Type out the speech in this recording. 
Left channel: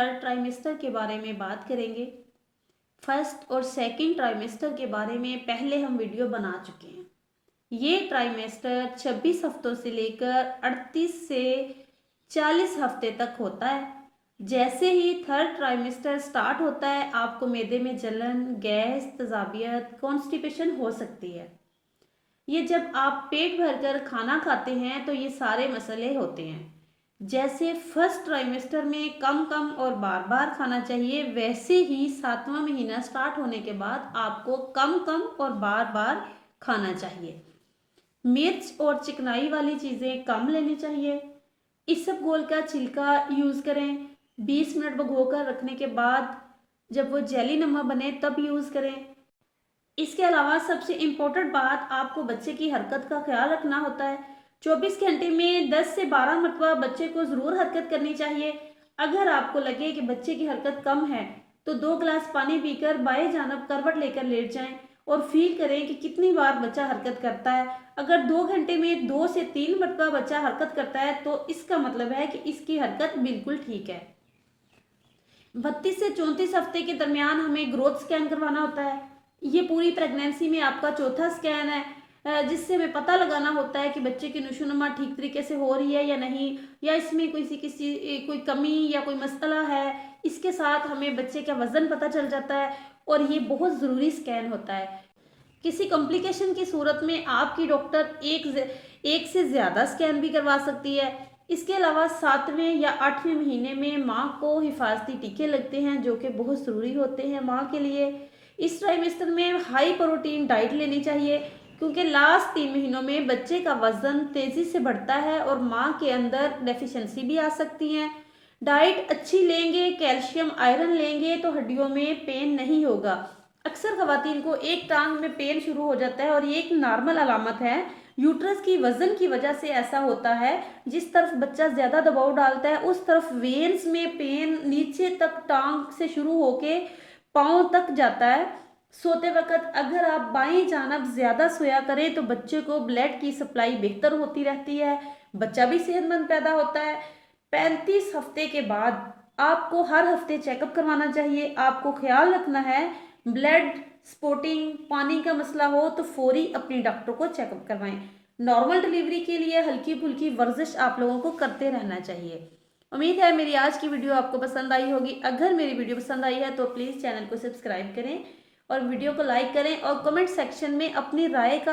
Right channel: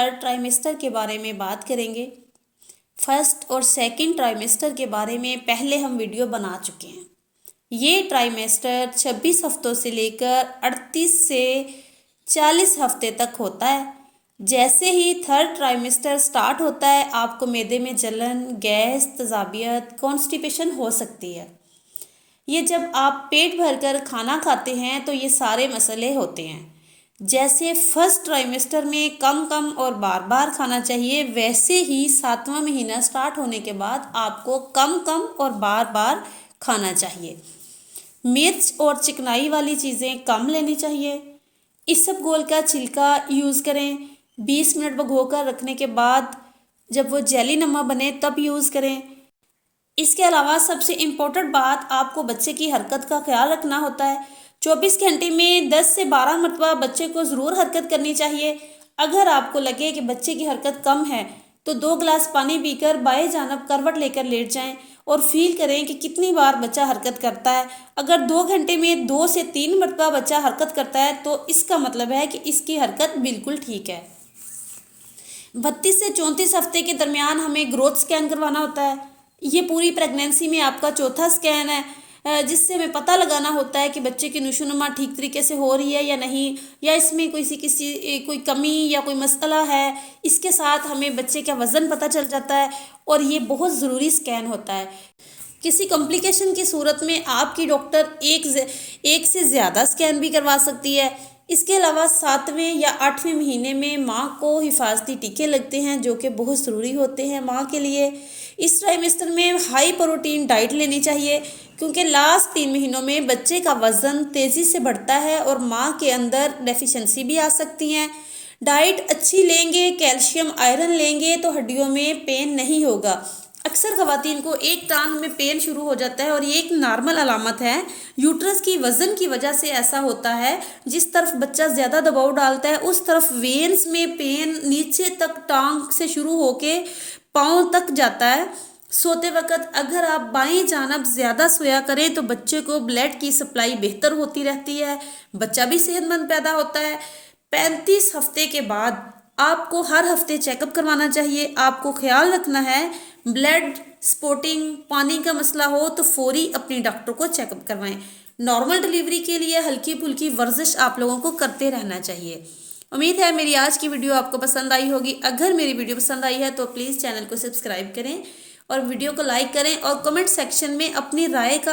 Third trimester के बारे में बात करेंगे। फर्स्ट और सेकंड ट्राइमेस्टर के बारे में पहले हम वीडियो बना चुके हैं। ये ट्राइमेस्टर 26 हफ्तों से लेकर 38 से 40 हफ्ते तक होता है। जैसे ही थर्ड ट्राइमेस्टर स्टार्ट होता है आपको मैदे में जलन, गैस, तेजाबियत, कॉन्स्टिपेशन हो सकती है। ये जब आप पेट भरकर खाना खाते हैं तो ये सारे मसले होते हैं। जैसे फर्स्ट ट्राइमेस्टर में कम कम और बार बार खाना चाहिए, वैसे ही 7वां महीना स्टार्ट होने के बाद आपको कम कम और बार बार खाना चाहिए। मिर्च और चिकनाई वाली चीज़ें कम लेनी चाहिए। इसबगोल का छिलका यूज़ करें। 20 मिनट भिगोकर रखने के बाद जब वो जेली नमा बने तब यूज़ करें। इसके अलावा सबसे इम्पोर्टेंट बात, आपको बच्चे की हरकत का ख्याल रखना होता है। 24 घंटे में 10 से 12 मरतबा बच्चे को ज़रूर हरकत करनी चाहिए। अगर आपको लगे कि बच्चे की हरकत कम है तो 2 गिलास पानी पीकर बाएं जानब करवट लेकर लेट जाएं और फील करें कि कितनी बार बच्चा हरकत करता है। अगर 2 घंटे में 2 से 3 मरतबा बच्चा हरकत करता है तो इसका मतलब है कि इसकी हरकत बिल्कुल ठीक है। 32 से 34 हफ्ते के दरमियान हमें ग्रोथ स्कैन करवाना होता है। ये पूरी प्रेगनेंसी में आपका चौथा स्कैन है, जिससे हमें पता लगाना होता है कि बच्चे की नशोनुमा ठीक तरीके से हो रही है या नहीं, या इसमें कोई कमी या कोई मसला है। इसके साथ हमें बच्चे का वज़न पता चल जाता है और ये बहुत ज़रूरी स्कैन होता है। किसी कॉम्प्लिकेशन की सूरत में आपकी डॉक्टर एक से ज़्यादा स्कैन भी करवा सकती है। इसके अलावा 7वें या 8वें महीने में माँ को हिफाजती टीके लगते हैं जो कि बहुत ज़रूरी होते हैं माँ के लिए। इस ट्राइमेस्टर में हाई प्रोटीन डाइट लेनी चाहिए क्योंकि लास्ट 3 महीनों में बच्चे का वज़न तेज़ी से बढ़ता है और माँ के अंदर डेफिशिएंसी भी आ सकती हैं। डाइट अच्छी लेंगे, कैल्शियम आयरन लेंगे तो हड्डियों में पेन नहीं होगा। अक्सर ख़वातीन को एक टांग में पेन शुरू हो जाता है और ये एक नॉर्मल अलामत है। यूट्रस की वज़न की वजह से ऐसा होता है। जिस तरफ बच्चा ज़्यादा दबाव डालता है उस तरफ वेन्स में पेन नीचे तक टांग से शुरू होके पाँव तक जाता है। सोते वक्त अगर आप बाईं जानब ज़्यादा सोया करें तो बच्चे को ब्लड की सप्लाई बेहतर होती रहती है, बच्चा भी सेहतमंद पैदा होता है। 35 हफ्ते के बाद आपको हर हफ्ते चेकअप करवाना चाहिए। आपको ख्याल रखना है, ब्लड स्पॉटिंग, पानी का मसला हो तो फौरी अपने डॉक्टर को चेकअप करवाएं। नॉर्मल डिलीवरी के लिए हल्की फुल्की वर्जिश आप लोगों को करते रहना चाहिए। उम्मीद है मेरी आज की वीडियो आपको पसंद आई होगी। अगर मेरी वीडियो पसंद आई है तो प्लीज़ चैनल को सब्सक्राइब करें और वीडियो को लाइक करें और कमेंट सेक्शन में अपनी राय का